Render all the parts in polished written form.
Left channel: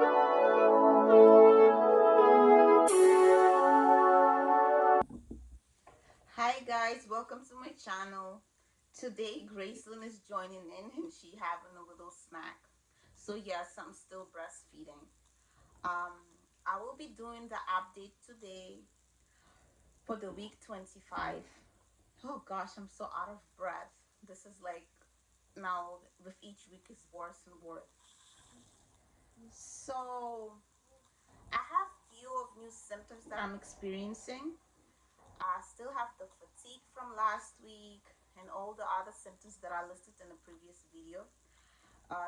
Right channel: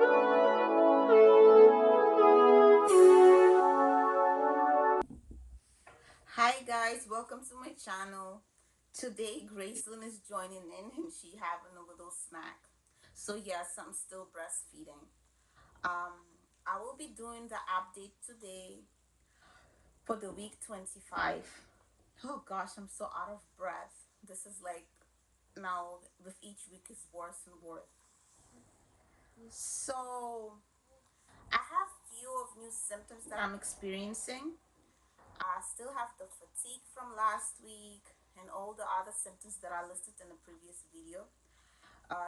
Hi guys, welcome to my channel. Today Gracelyn is joining in and she having a little snack. So yes, I'm still breastfeeding. I will be doing the update today for the week 25. Oh gosh, I'm so out of breath. This is like now with each week is worse and worse. So I have few of new symptoms that I'm experiencing. I still have the fatigue from last week and all the other symptoms that I listed in the previous video.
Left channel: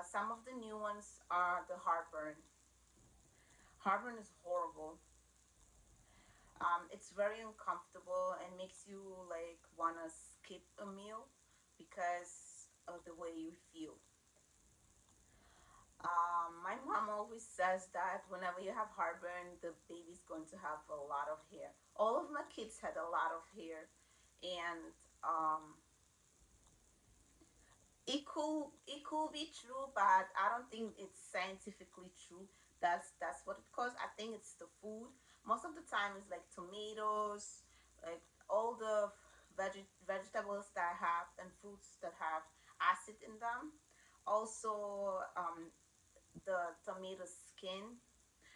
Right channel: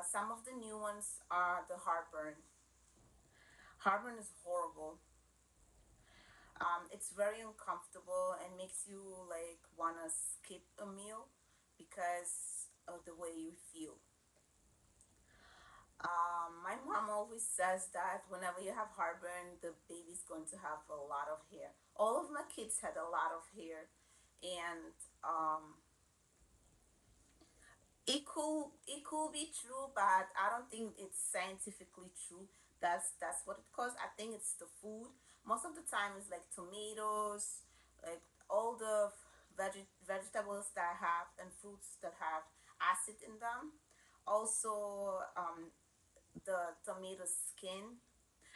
Some of the new ones are the heartburn. Heartburn is horrible. It's very uncomfortable and makes you like wanna skip a meal because of the way you feel. My mom always says that whenever you have heartburn, the baby's going to have a lot of hair. All of my kids had a lot of hair, and it could be true, but I don't think it's scientifically true. That's what it caused. I think it's the food. Most of the time it's like tomatoes, like all the vegetables that have and fruits that have acid in them. Also, the tomato skin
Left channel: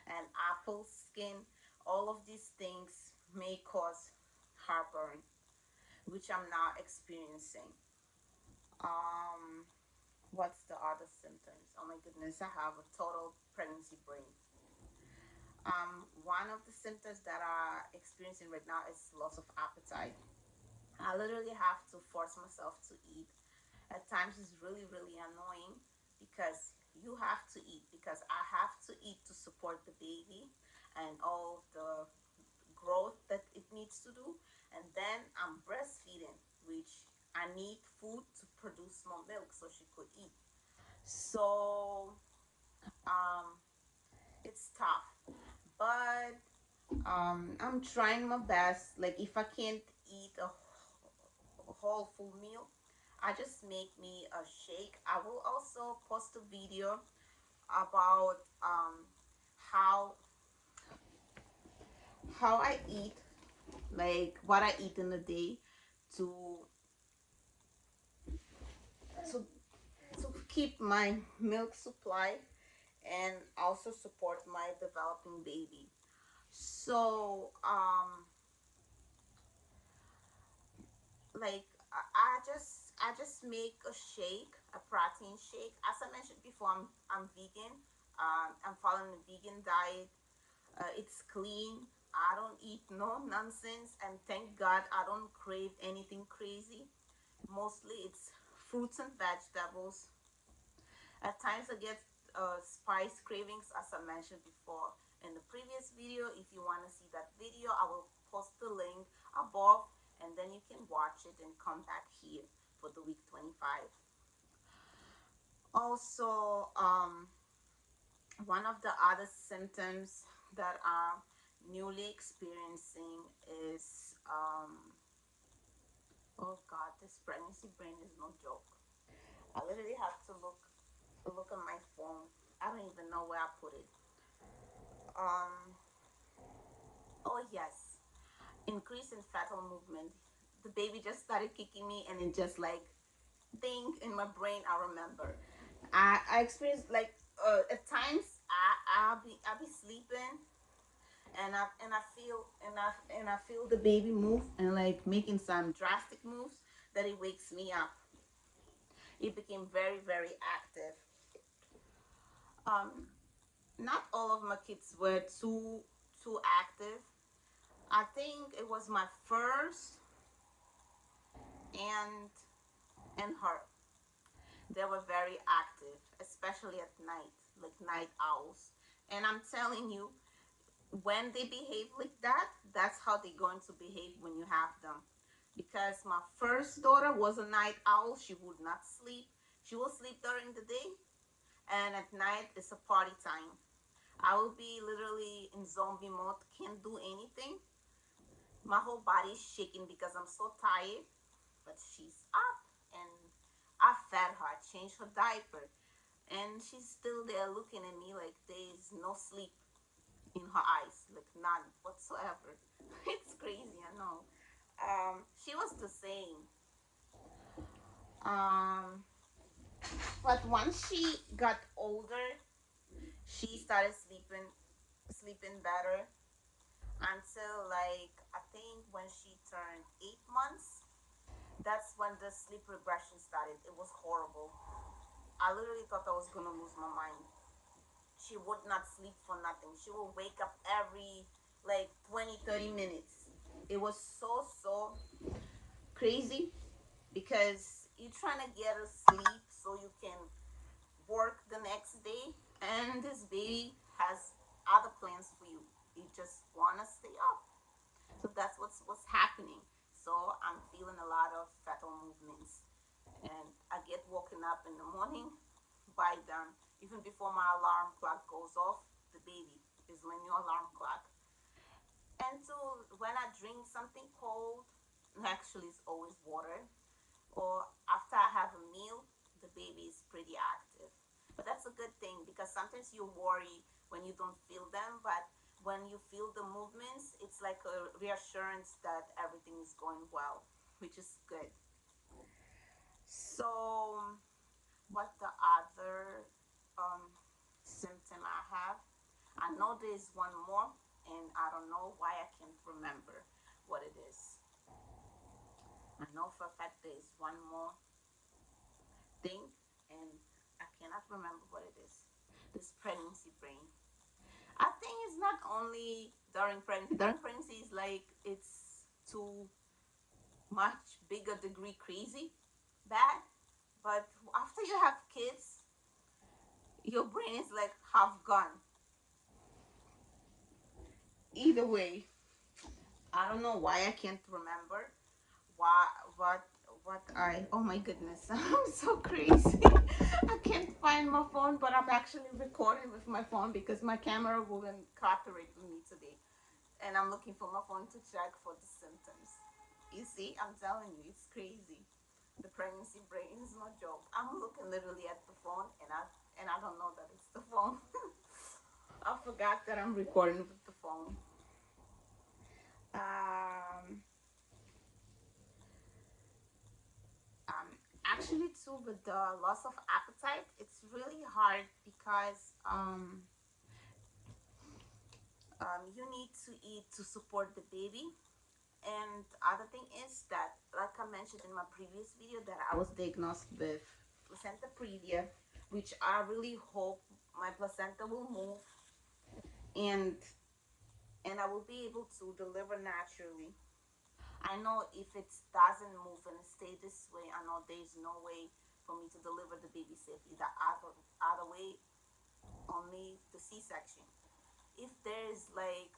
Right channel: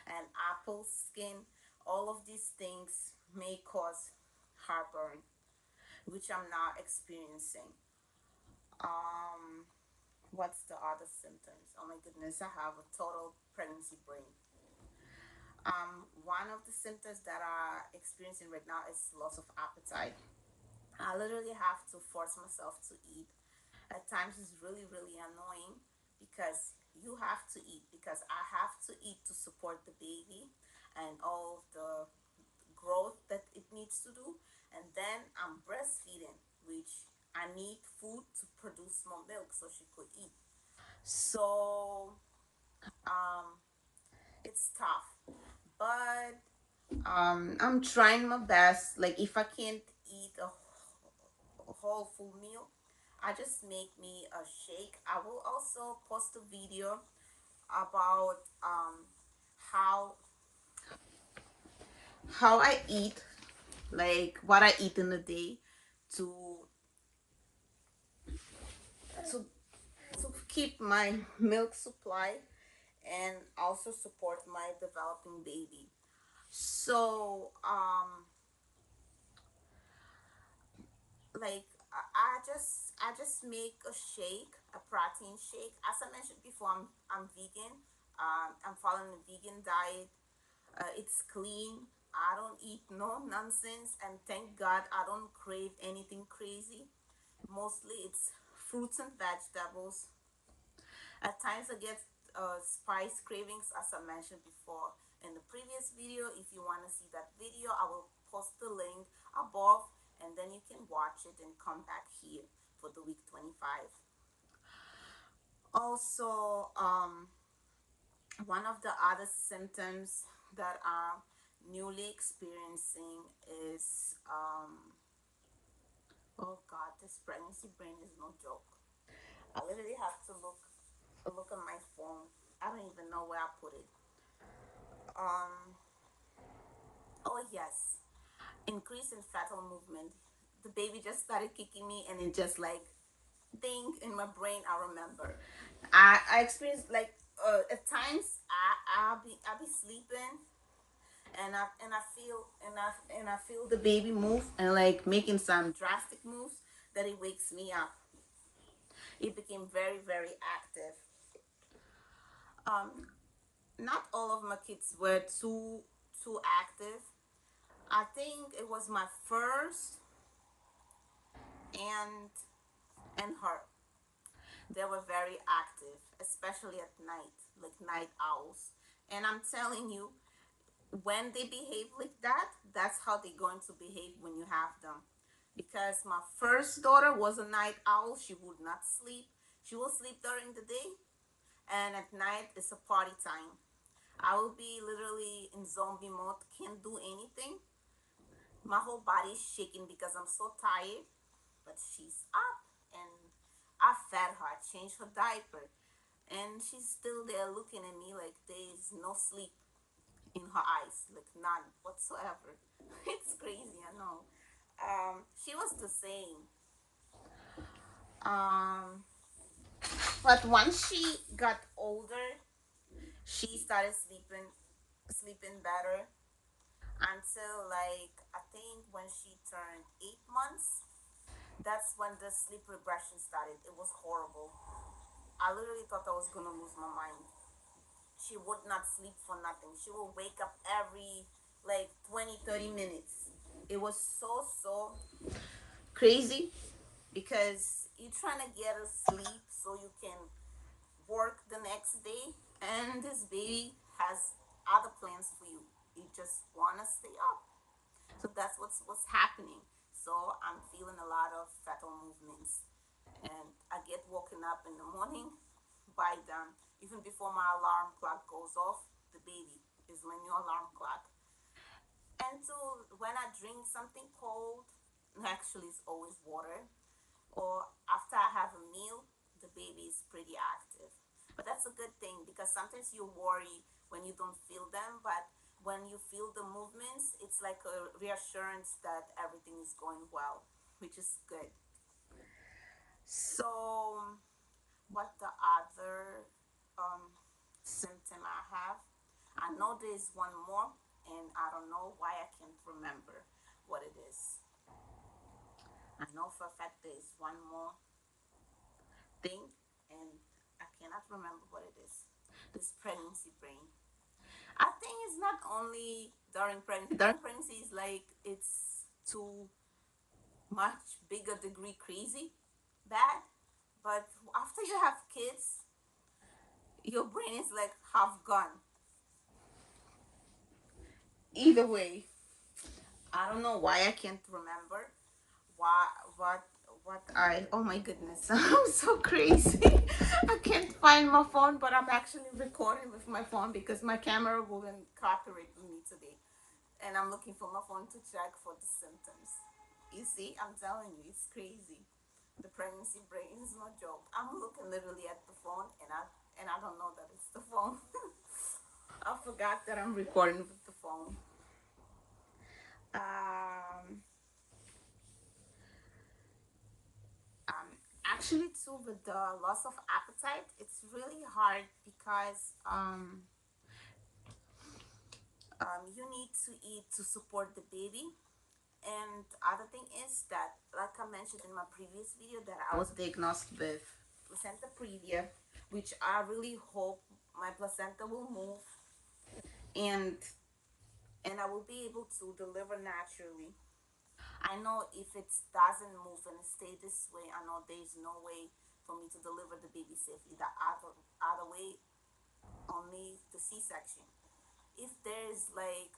and apple skin. All of these things may cause heartburn, which I'm not experiencing. Um, What's the other symptoms? Oh my goodness, I have a total pregnancy brain. One of the symptoms that I'm experiencing right now is loss of appetite. I literally have to force myself to eat. At times it's really, really annoying because you have to eat, because I have to eat to support the baby and all of the growth that it needs to do. And then I'm breastfeeding, which I need food to produce more milk so she could eat. So um, it's tough, but I'm trying my best. Like if I can't eat a whole full meal, I just make me a shake. I will also post a video about how I eat, like what I eat in a day to to to keep my milk supply and also support my developing baby. So like I just make a shake, a protein shake. As I mentioned before, I'm vegan. I'm following a vegan diet. It's clean. I don't eat no nonsense, and thank God I don't crave anything crazy. Mostly it's fruits and vegetables. At times I get spice cravings, as I mentioned before in the previous video. If you want to see that video, I will post the link above, and then you can watch it and come back here for the week 25. Also, one of the other symptoms that I'm newly experiencing is oh god, this pregnancy brain is no joke. I literally have to look at my phone. I don't even know where I put it. um oh yes, increase in fetal movement. The baby just started kicking me, and it just like ding in my brain. I remember I experienced like at times I'll be sleeping, and I feel the baby move and like making some drastic moves that it wakes me up. It became very, very active. um Not all of my kids were too active. I think it was my first and her. They were very active, especially at night, like night owls. And I'm telling you, when they behave like that, that's how they're going to behave when you have them. Because my first daughter was a night owl. She would not sleep. She will sleep during the day, and at night it's a party time. I will be literally in zombie mode, can't do anything. My whole body is shaking because I'm so tired. But she's up, and I fed her, I changed her diaper, and and she's still there looking at me like there's no sleep in her eyes, like none whatsoever. It's crazy, I know. She was the same. Um, but once she got older, she started sleeping better until like I think when she turned 8 months. That's when the sleep regression started. It was horrible. I literally thought I was gonna lose my mind. She would not sleep for nothing. She will wake up every like 20, 30 minutes. It was so crazy because you're trying to get her sleep so you can work the next day, and this baby has other plans for you. You just want to stay up. So that's what's happening. So I'm feeling a lot of fetal movements, and I get woken up in the morning by them. Even before my alarm clock goes off, the baby is my new alarm clock. And so when I drink something cold, actually it's always water, or after I have a meal, the baby is pretty active. But that's a good thing because sometimes you worry when you don't feel them, but when you feel the movements, it's like a reassurance that everything is going well, which is good. So, what the other um, symptom I have? I know there's one more, and I don't know why I can't remember what it is. I know for a fact there's one more thing, and I cannot remember what it is. This pregnancy brain. I think it's not only during pregnancy. During pregnancy is like it's too much bigger degree crazy, bad. But after you have kids, your brain is like half gone. Either way, I don't know why I can't remember why what I oh my goodness. I'm so crazy. I can't find my phone, but I'm actually recording with my phone because my camera wouldn't cooperate with me today, and I'm looking for my phone to check for the symptoms. You see, I'm telling you, it's crazy. The pregnancy brain is no joke. I'm looking literally at the phone, and I don't know that it's the phone. I forgot that I'm recording with the phone. Um, Actually, too, with the loss of appetite, it's really hard because you need to eat to support the baby. And the other thing is that, like I mentioned in my previous video, that I was diagnosed with placenta previa, which I really hope my placenta will move and and I will be able to deliver naturally. I know if it doesn't move and stay this way, I know there's no way for me to deliver the baby safely. The other way, only the C-section. If there's like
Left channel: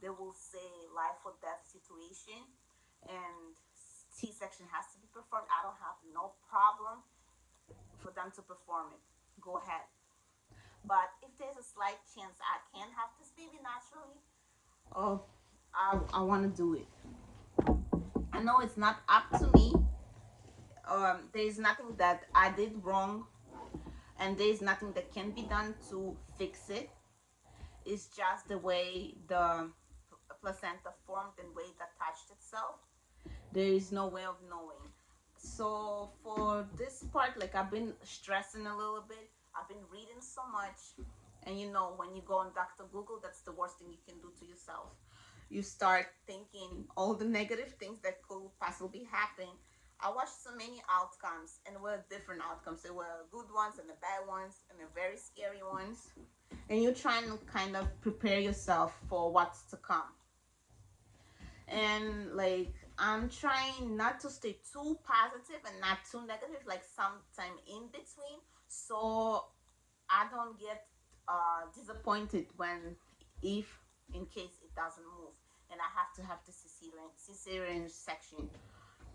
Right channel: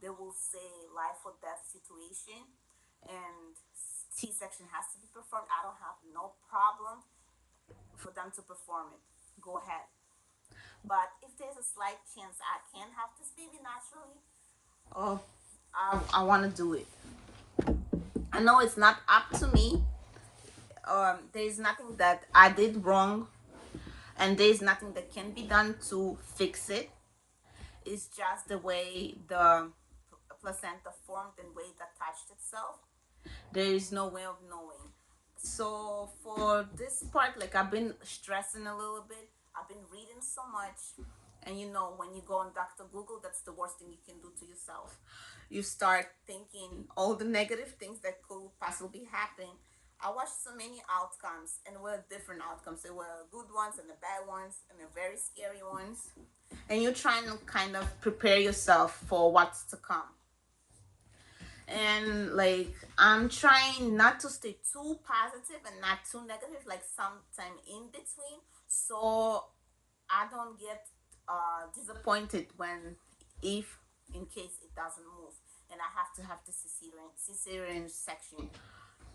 they will say life or death situation and C-section has to be performed, I don't have no problem for them to perform it. Go ahead. But if there's a slight chance I can have this baby naturally, oh, I want to do it. I know it's not up to me. There's nothing that I did wrong, and there's nothing that can be done to fix it. It's just the way the placenta formed and way it attached itself. There is no way of knowing. So for this part, like I've been stressing a little bit. I've been reading so much, and you know when you go on Dr. Google, that's the worst thing you can do to yourself. You start thinking all the negative things that could possibly happen. I watched so many outcomes, and were different outcomes. There were good ones and the bad ones and the very scary ones. And you're trying to kind of prepare yourself for what's to come. And like I'm trying not to stay too positive and not too negative, like sometime in between, so I don't get disappointed when if in case it doesn't move and I have to have the cesarean section.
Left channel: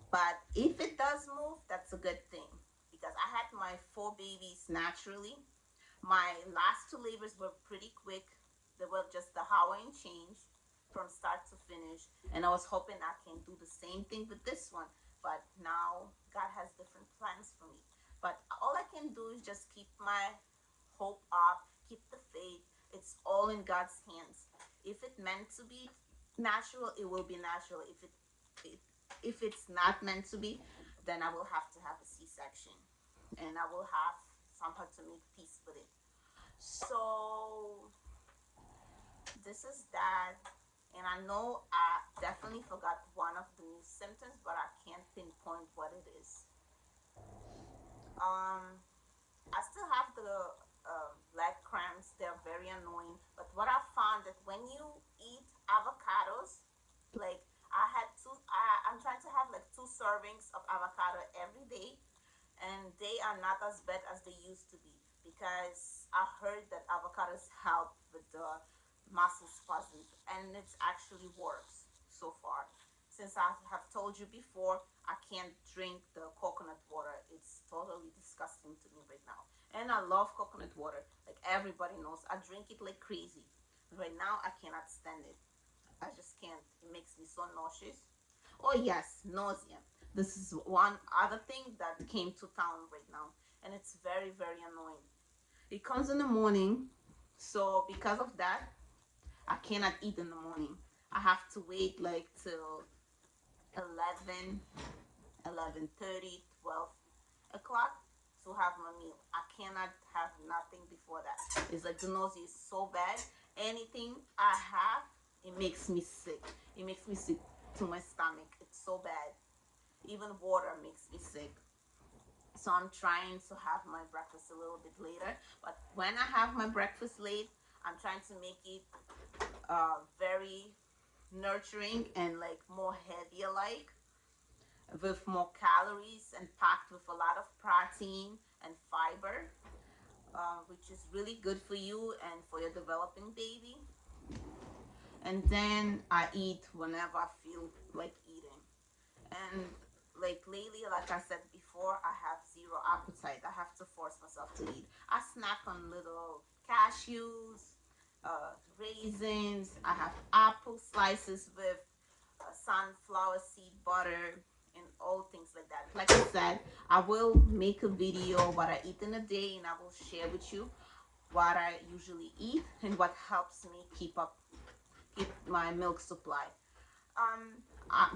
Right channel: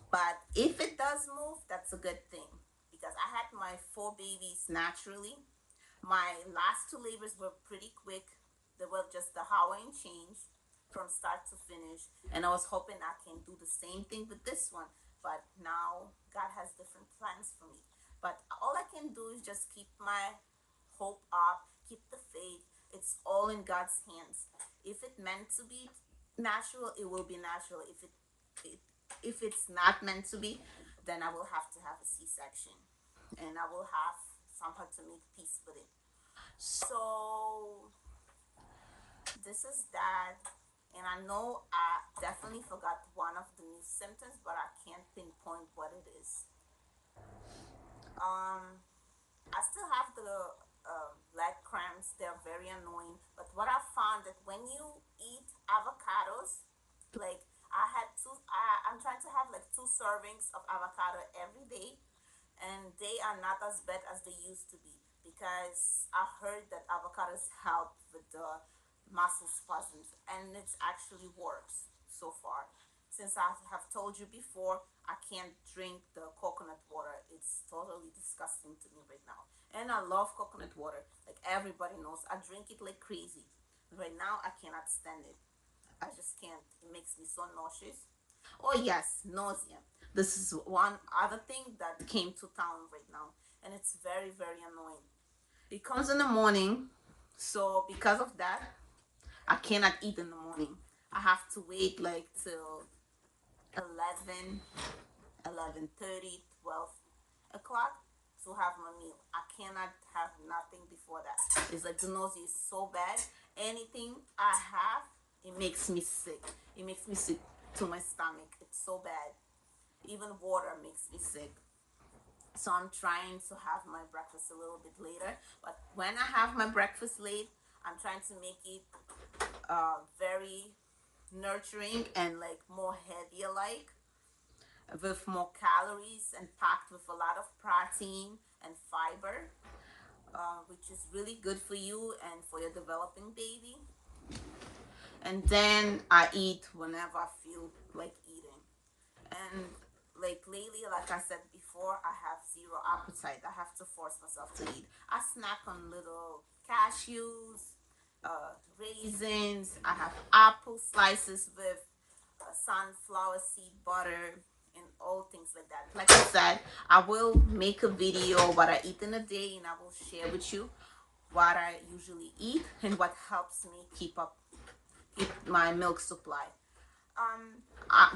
But if it does move, that's a good thing because I had my 4 babies naturally. My last 2 labors were pretty quick. They were just the Hawaiian change from start to finish. And I was hoping I can do the same thing with this one. But now God has different plans for me. But all I can do is just keep my hope up, keep the faith. It's all in God's hands. If it meant to be natural, it will be natural. It if it's not meant to be, then I will have to have a C-section, and I will have somehow to make peace with it. So this is that. And I know I definitely forgot one of the new symptoms, but I can't pinpoint what it is. um I still have the leg cramps. They're very annoying. But what I found that when you eat avocados, like I'm trying to have like 2 servings of avocado every day, and they are not as bad as they used to be, because I heard that avocados help with the muscle spasms, and it actually works so far. Since I have told you before, I can't drink the coconut water. It's totally disgusting to me right now. And I love coconut water. Like everybody knows, I drink it like crazy. Right now, I cannot stand it. I just can't. It makes me so nauseous. Oh, yes, nausea. This is one other thing that came to town right now, and it's very, very annoying. It comes in the morning, so because of that, I cannot eat in the morning. I have to wait like till 11, 11:30, 12 o'clock to have my meal. I cannot have nothing before that. It's like the nausea is so bad. Anything I have, it makes me sick. It makes me sick to my stomach. It's so bad. Even water makes me sick. So I'm trying to have my breakfast a little bit later. But when I have my breakfast late, I'm trying to make it very nurturing and like more heavier, like with more calories and packed with a lot of protein and fiber, which is really good for you and for your developing baby. And then I eat whenever I feel like eating. And like lately, like I said before, I have zero appetite. I have to force myself to eat. I snack on little cashews, raisins. I have apple slices with sunflower seed butter and all things like that. Like I said, I will make a video what I eat in a day, and I will share with you what I usually eat and what helps me keep my milk supply.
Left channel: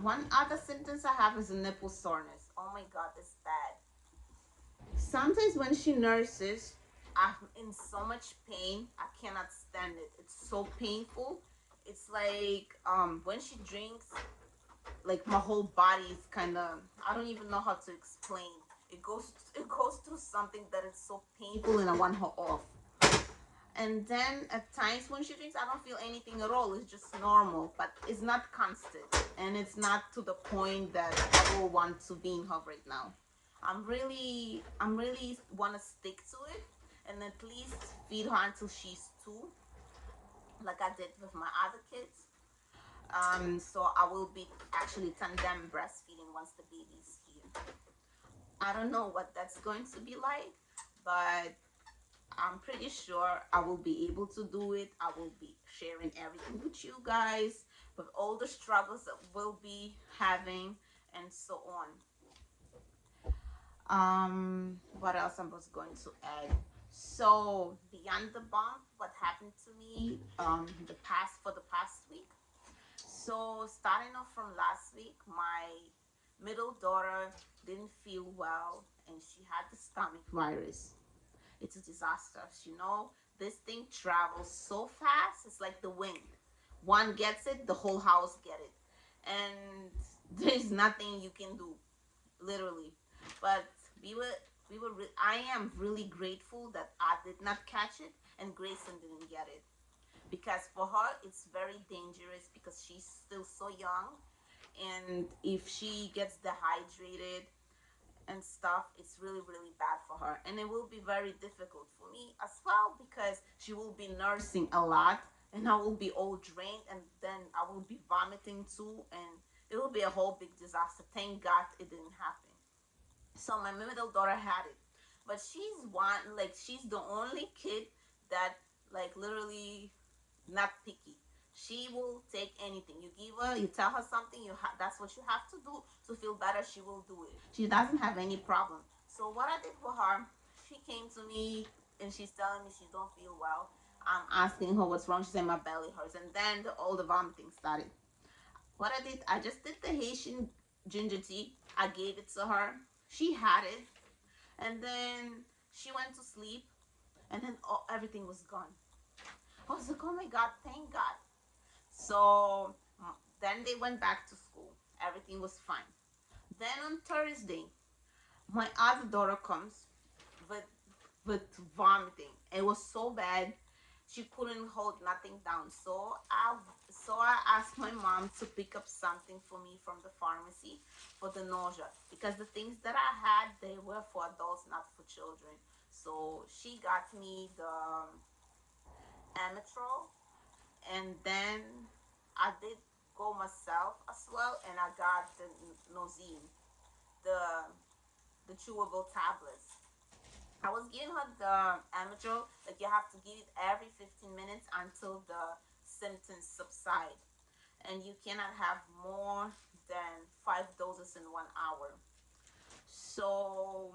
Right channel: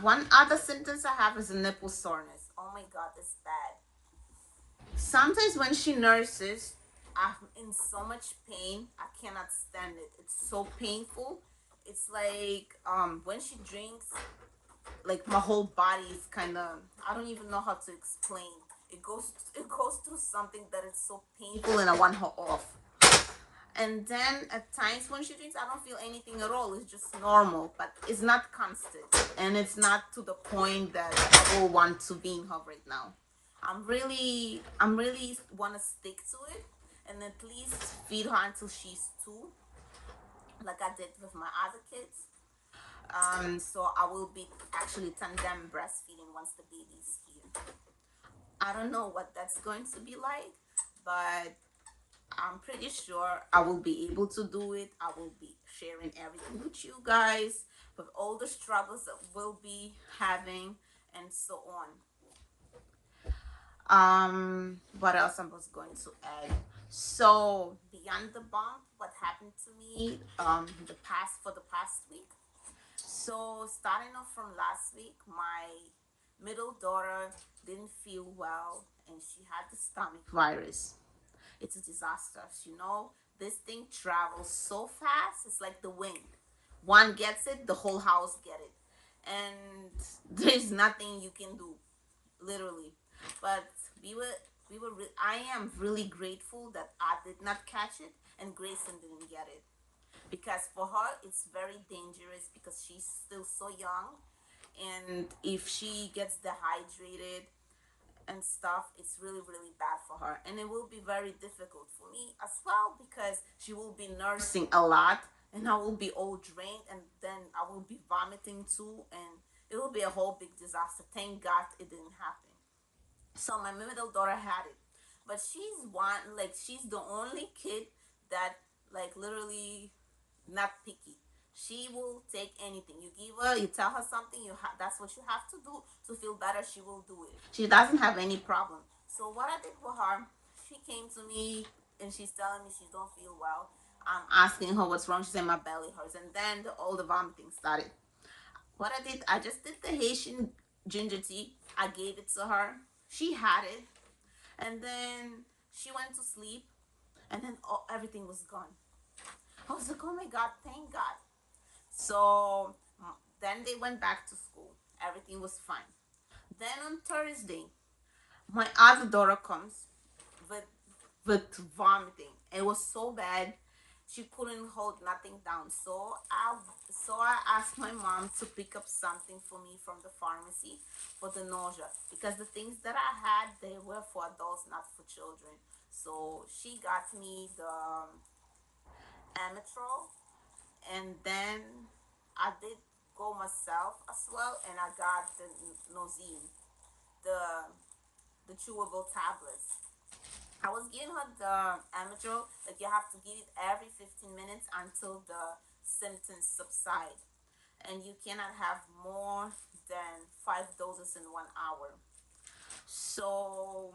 One other symptoms I have is a nipple soreness. Oh my god, it's bad. Sometimes when she nurses, I'm in so much pain. I cannot stand it. It's so painful. It's like when she drinks, like my whole body is kind of, I don't even know how to explain. It goes through something that is so painful, and I want her off. And then at times when she drinks, I don't feel anything at all. It's just normal, but it's not constant, and it's not to the point that I will want to be in her right now. I'm really want to stick to it, and at least feed her until she's 2, like I did with my other kids. So I will be actually tandem breastfeeding once the baby's here. I don't know what that's going to be like, but I'm pretty sure I will be able to do it. I will be sharing everything with you guys, with all the struggles that we'll be having, and so on. What else I was going to add? So beyond the bump, what happened to me the past week. So starting off from last week, my middle daughter didn't feel well, and she had the stomach virus. It's a disaster. This thing travels so fast. It's like the wind. One gets it, the whole house get it, and there's nothing you can do, literally. But I am really grateful that I did not catch it and Grayson didn't get it, because for her it's very dangerous because she's still so young, and if she gets dehydrated and stuff, it's really, really bad for her. And it will be very difficult for me as well, because she will be nursing a lot, and I will be all drained, and then I will be vomiting too, and it will be a whole big disaster. Thank God it didn't happen. So my middle daughter had it, but she's the only kid that, like, literally not picky. She will take anything you give her. You tell her something, that's what you have to do to feel better. She will do it. She doesn't have any problem. So what I did for her, she came to me and she's telling me she don't feel well. I'm asking her what's wrong. She said my belly hurts, and then all the vomiting started. What I did, I just did the Haitian ginger tea. I gave it to her. She had it, and then she went to sleep, and then everything was gone. I was like, oh my God, thank God. So then they went back to school. Everything was fine. Then on Thursday, my other daughter comes with with vomiting. It was so bad, she couldn't hold nothing down. So I asked my mom to pick up something for me from the pharmacy for the nausea, because the things that I had, they were for adults, not for children. So she got me the Ametrol, and then I did go myself as well, and I got the Nausea, the the chewable tablets. I was giving her the Ametrol, like you have to give it every 15 minutes until the symptoms subside, and you cannot have more than 5 doses in 1 hour. So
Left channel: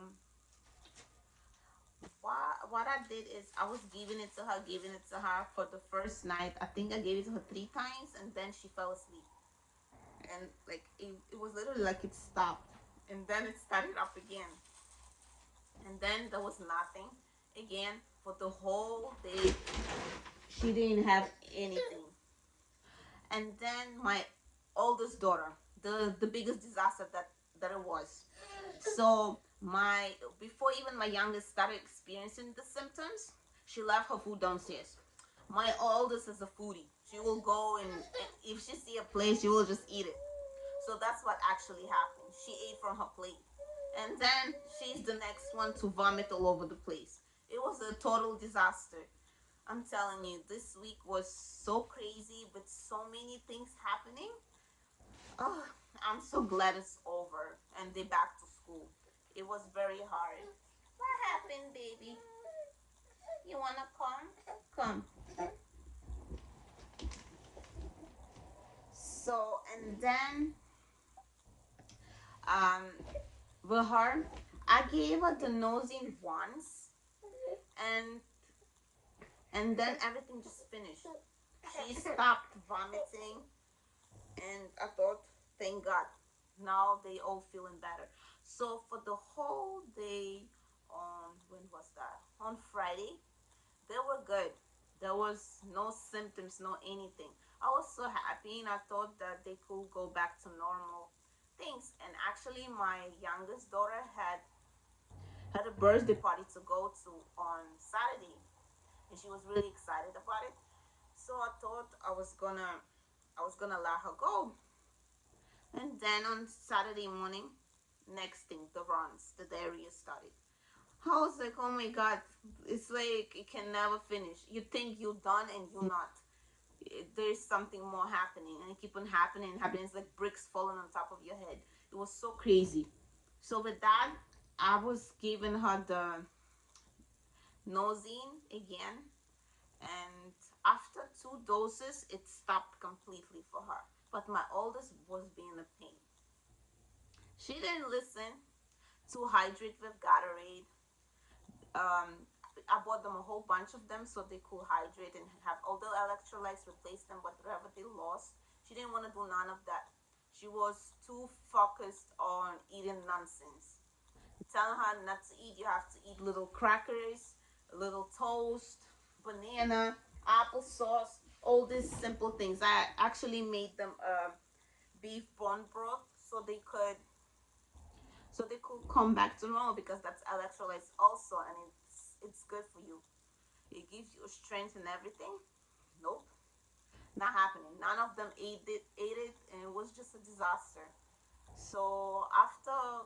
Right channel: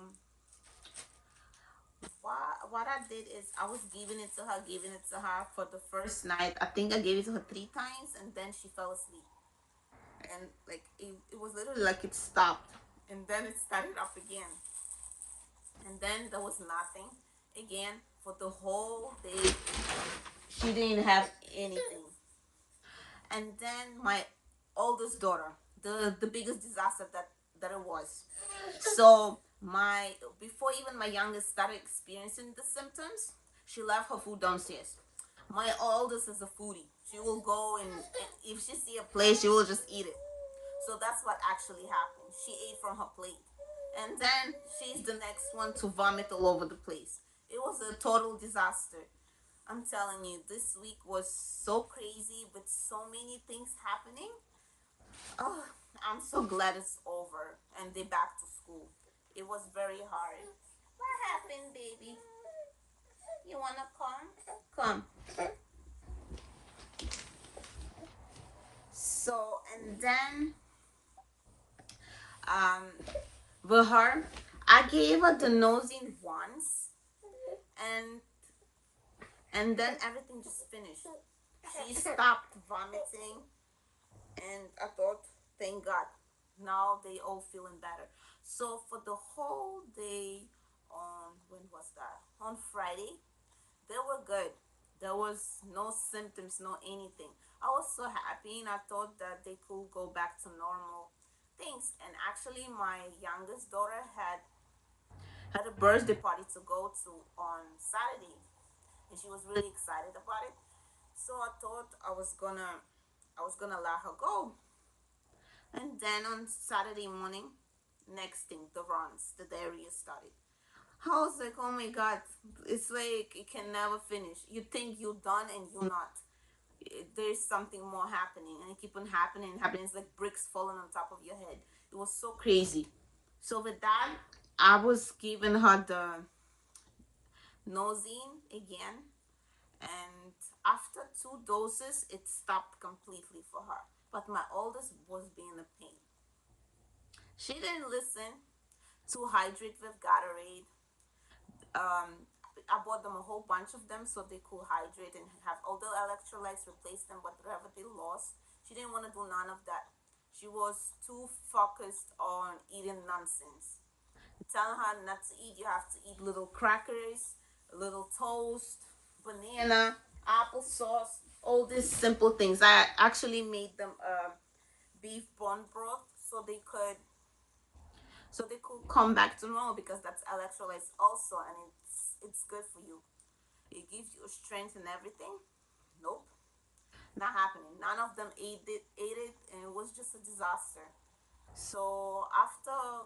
what I did is I was giving it to her for the first night. I think I gave it to her 3 times, and then she fell asleep. And like it was literally like it stopped, and then it started up again, and then there was nothing again for the whole day. She didn't have anything. And then my oldest daughter, the biggest disaster that it was. So my before even my youngest started experiencing the symptoms, she left her food downstairs. My oldest is a foodie. She will go and if she see a plate, she will just eat it. So that's what actually happened. She ate from her plate, and then she's the next one to vomit all over the place. It was a total disaster. I'm telling you, this week was so crazy with so many things happening. Oh, I'm so glad it's over and they're back to school. It was very hard. What happened, baby? You wanna come? Come. So, and then, um, with her, I gave her the nosing once, and then everything just finished. She stopped vomiting, and I thought, thank God, now they all feeling better. So for the whole day, on when was that? On Friday, they were good. There was no symptoms, no anything. I was so happy, and I thought that they could go back to normal things. And actually, my youngest daughter had a birthday party to go to on Saturday, and she was really excited about it. So I thought I was gonna let her go. And then on Saturday morning, next thing, the runs, the diarrhea started. I was like, oh my God, it's like it can never finish. You think you're done and you're not. There's something more happening, and it keep on happening and happening. It's like bricks falling on top of your head. It was so crazy. So with that, I was giving her the Nosine again, and after 2 doses, it stopped completely for her. But my oldest was being a pain. She didn't listen to hydrate with Gatorade. I bought them a whole bunch of them so they could hydrate and have all the electrolytes, replace them whatever they lost. She didn't want to do none of that. She was too focused on eating nonsense. Telling her not to eat, you have to eat little crackers, a little toast, banana, applesauce, all these simple things. I actually made them beef bone broth so they could come back to normal, because that's electrolytes also, and it's good for you. It gives you strength and everything. Nope, not happening. None of them ate it, and it was just a disaster. So after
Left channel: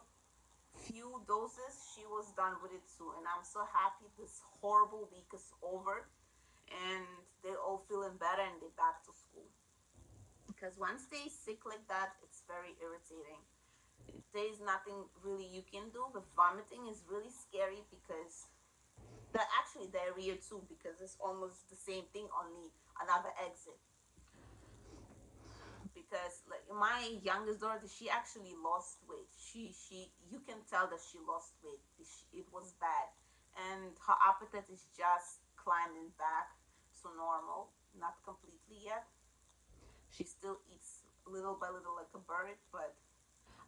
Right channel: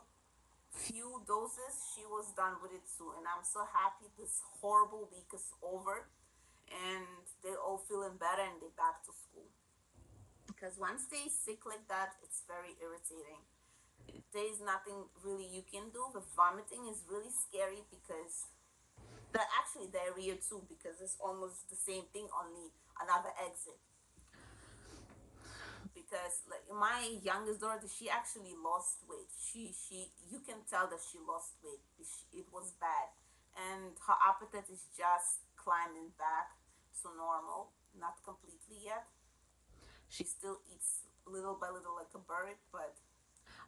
few doses, she was done with it too, and I'm so happy this horrible week is over, and they're all feeling better and they're back to school. Because once they sick like that, it's very irritating. There is nothing really you can do. With vomiting is really scary, because they're actually diarrhea too, because it's almost the same thing, only another exit. Because like my youngest daughter, she actually lost weight. She you can tell that she lost weight. It was bad. and her appetite is just climbing back to normal, not completely yet. She still eats little by little like a bird, but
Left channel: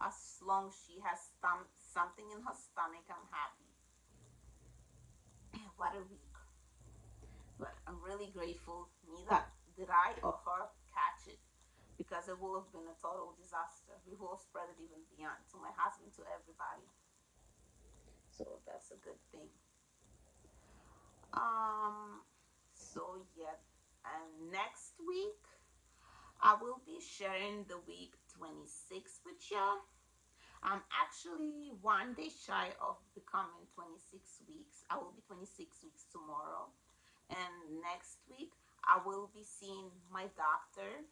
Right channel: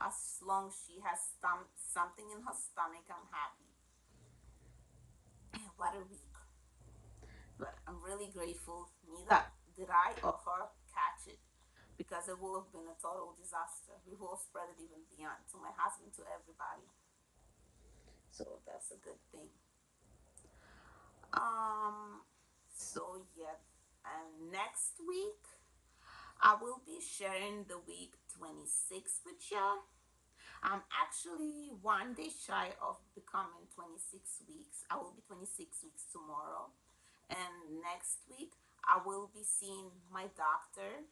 as long as she has something in her stomach, I'm happy. What a week. But I'm really grateful neither did I or her catch it, because it would have been a total disaster. We would have spread it even beyond to my husband, to everybody. So that's a good thing. So yeah, and next week I will be sharing the week 26 with y'all. I'm actually one day shy of becoming 26 weeks. I will be 26 weeks tomorrow. And next week, I will be seeing my doctor,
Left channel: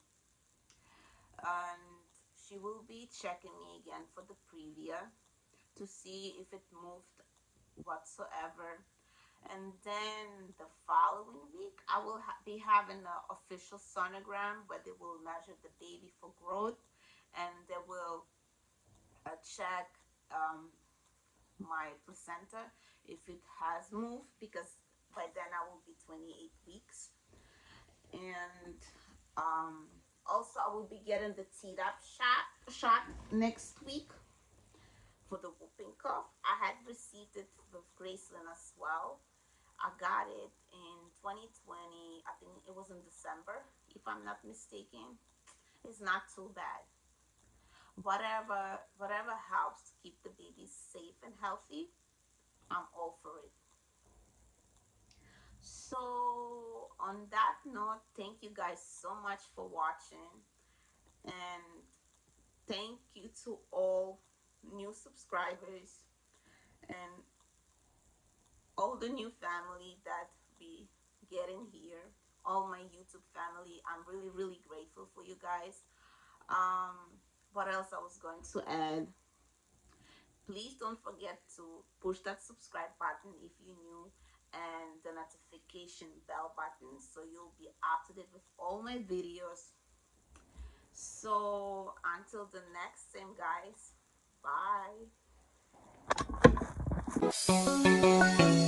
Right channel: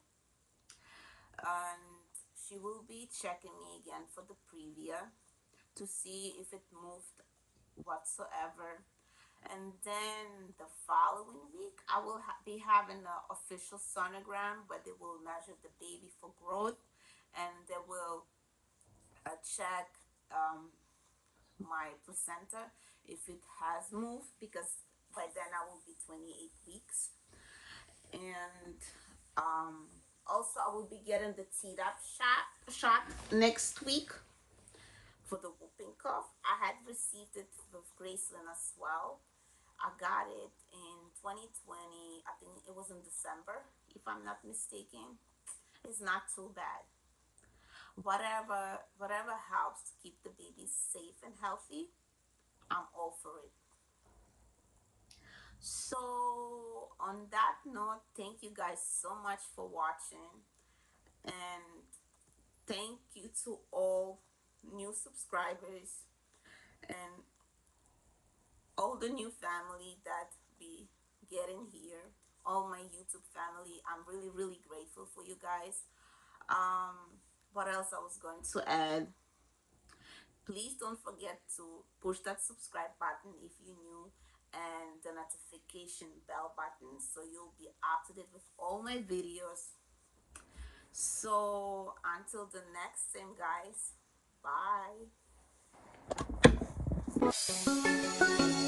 and she will be checking me again for the previa to see if it moved whatsoever. And then the following week, I will be having an official sonogram where they will measure the baby for growth, and they will check my placenta if it has moved, because by then I will be 28 weeks. And also, I will be getting the Tdap shot next week for the whooping cough. I had received it with Graceland as well. I got it in 2020. I think it was in December, if I'm not mistaken. It's not too bad. Whatever helps to keep the baby safe and healthy, I'm all for it. So on that note, thank you guys so much for watching, and thank you to all new subscribers and all the new family that be getting here, all my YouTube family. I'm really grateful for you guys. What else I was going to add? Please don't forget to push that subscribe button if you're new, and the notification bell button, so you'll be up to date with all my videos. So until the next time, guys, bye.